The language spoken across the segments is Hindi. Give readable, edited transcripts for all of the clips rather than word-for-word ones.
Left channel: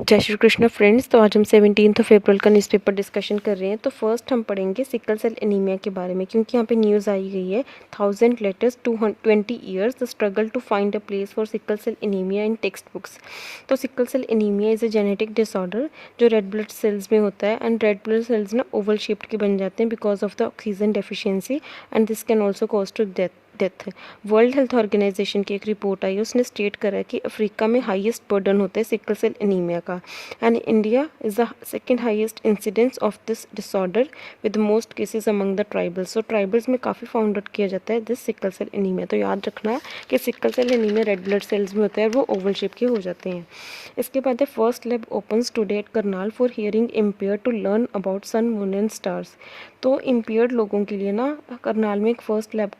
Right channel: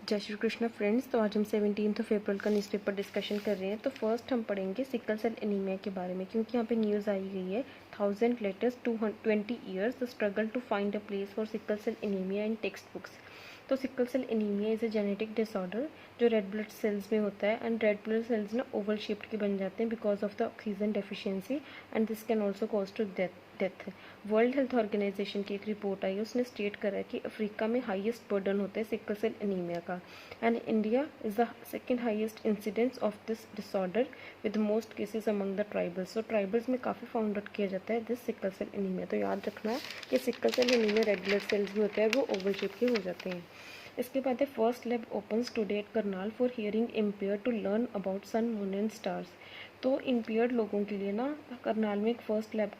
जय श्री कृष्ण फ्रेंड्स। तो आज हम 17 अप्रैल का न्यूज़पेपर डिस्कशन कर रहे हैं। तो फर्स्ट हम पढ़ेंगे सिकल सेल एनीमिया के बारे में, क्योंकि यहाँ पे न्यूज़ आई गई है 1000 letters 20 years the struggle to find a place for sickle cell anemia in text books. तो sickle cell anemia is a genetic disorder जो रेड ब्लड सेल्स में होता है, एंड रेड ब्लड सेल्स ना ओवल शेप्ड के बन जाते हैं because of the oxygen deficiency, and this can also cause to death. World health organization की एक रिपोर्ट आई, उसने स्टेट करा कि अफ्रीका में हाईएस्ट बर्डन होता है सिकल सेल एनीमिया का, and India is the second highest incidence of this disorder with most cases among the tribals. So tribals में काफ़ी फाउंड आउट किया जाता है दिस सिकल सेल एनीमिया। तो याद रखना है कि sickle cell anaemia red blood cells में होता है, वो ओवल शेप के हो जाते हैं। इसके बाद है first lab opens today at Karnal for hearing impair to learn about sun moon and stars. तो इम्पेयर्ड लोगों के लिए ना करनाल में एक फ़र्स्ट लैब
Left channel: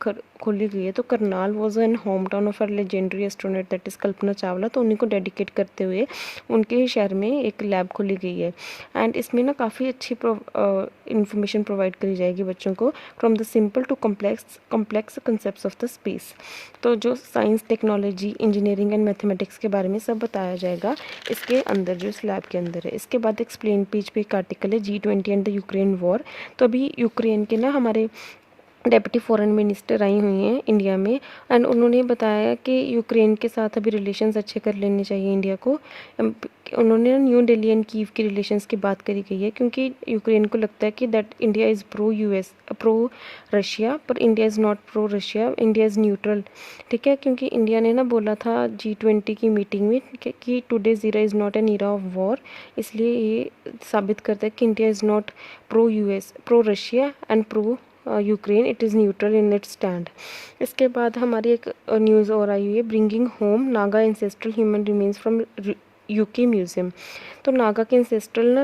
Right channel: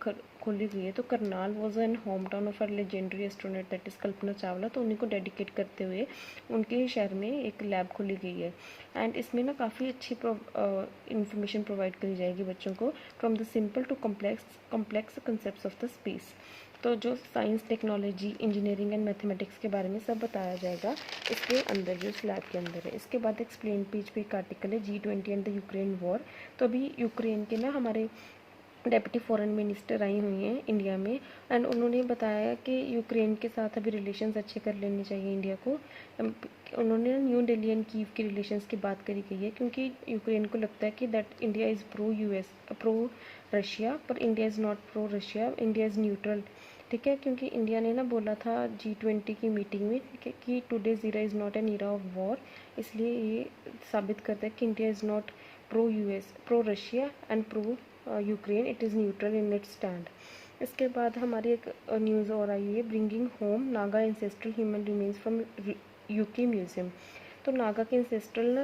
खोली गई है। तो Karnal was an home town of a legendary astronaut that is Kalpana Chawla. तो उन्हीं को डेडिकेट करते हुए उनके ही शहर में एक लैब खोली गई है, एंड इसमें ना काफ़ी अच्छी इंफॉर्मेशन प्रोवाइड करी जाएगी बच्चों को from the simple to complex concept of the space. तो जो science, technology, engineering and mathematics के बारे में सब बताया जाएगा इसके अंदर, जो इस लैब के अंदर है। इसके बाद एक्सप्लेन पेज पे एक आर्टिकल है G20 and the Ukraine war. तो अभी यूक्रेन के ना हमारे डेप्यूटी फॉरेन मिनिस्टर आई हुई हैं इंडिया में, एंड उन्होंने बताया कि यूक्रेन के साथ अभी रिलेशंस अच्छे कर लेने चाहिए इंडिया को। उन्होंने न्यू दिल्ली एंड कीव के रिलेशंस की बात करी गई है, क्योंकि यूक्रेन को लगता है कि that India is pro US, pro Russia, पर India is not pro Russia, India is neutral. ठीक है, क्योंकि इंडिया ने ना बोला था G20 की मीटिंग में कि today's era is not an era of war, इसलिए ये साबित करता है कि India is not pro US, pro Russia and pro Ukraine, it is neutral in its stand. इसके बाद हमारी एक न्यूज़ और आई हुई है, bringing home Naga ancestral human remains from UK museum. तो नागा के एंसेस्ट्रल ना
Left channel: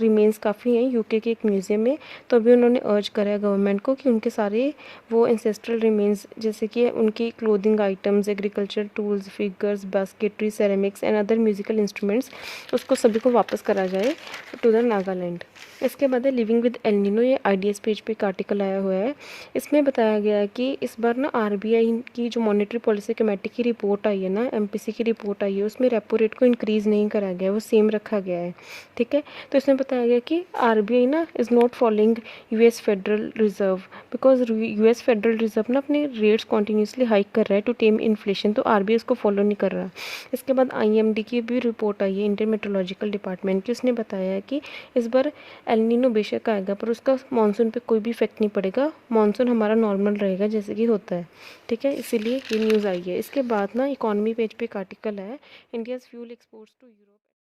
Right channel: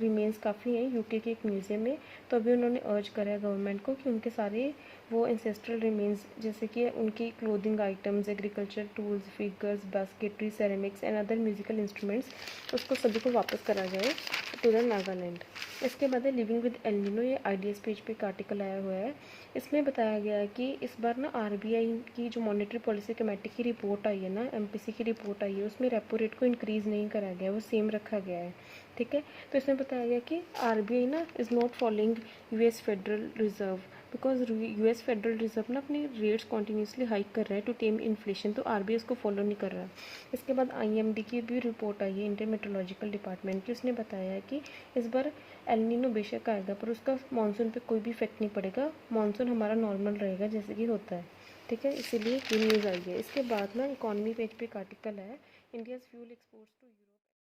रिमेन्स काफ़ी हैं यूके के एक म्यूज़ियम में। तो अभी उन्होंने अर्ज करा है गवर्नमेंट को कि उनके सारे वो एंसेस्ट्रल रिमेन्स, जैसे कि उनकी clothing items, agriculture tools, figures, basketry, ceramics and other musical instruments, उसको सभी को वापस करा जाए टू द नागालैंड। इसके बाद है लिविंग विद एल नीनो। ये IDS पेज पे एक आर्टिकल आया हुआ है, इसमें बताया गया है कि इस बार ना RBI की जो मॉनेटरी पॉलिसी कमेटी की रिपोर्ट आई है ना, MPC की रिपोर्ट आई है, उसमें रेपो रेट को इंक्रीज़ नहीं करा गया, वो सेम रखा गया है। ठीक है, तो इसमें बताया गया कि RBI ना is not following US federal reserve, because US federal reserve ना अपने रेट्स कॉन्टीन्यूसली हाइक कर रहा है टू टेम इन्फ्लेशन, तो RBI इसको फॉलो नहीं कर रहा। इसके बाद IMD की भी रिपोर्ट आई है, इंडियन मेट्रोलॉजिकल डिपार्टमेंट की, उसने बताया है कि इस बार एल नीनो बेशक आएगा, पर उसका मानसून पे कोई भी इफेक्ट नहीं पड़ेगा, मानसून हमारा नॉर्मल रहेगा जैसे कि होता है। ठीक है, इसीलिए ये न्यूज़ आई है। इसके बाद ना इकॉनमी पेज पे एक आर्टिकल है, India's fuel exports to Europe.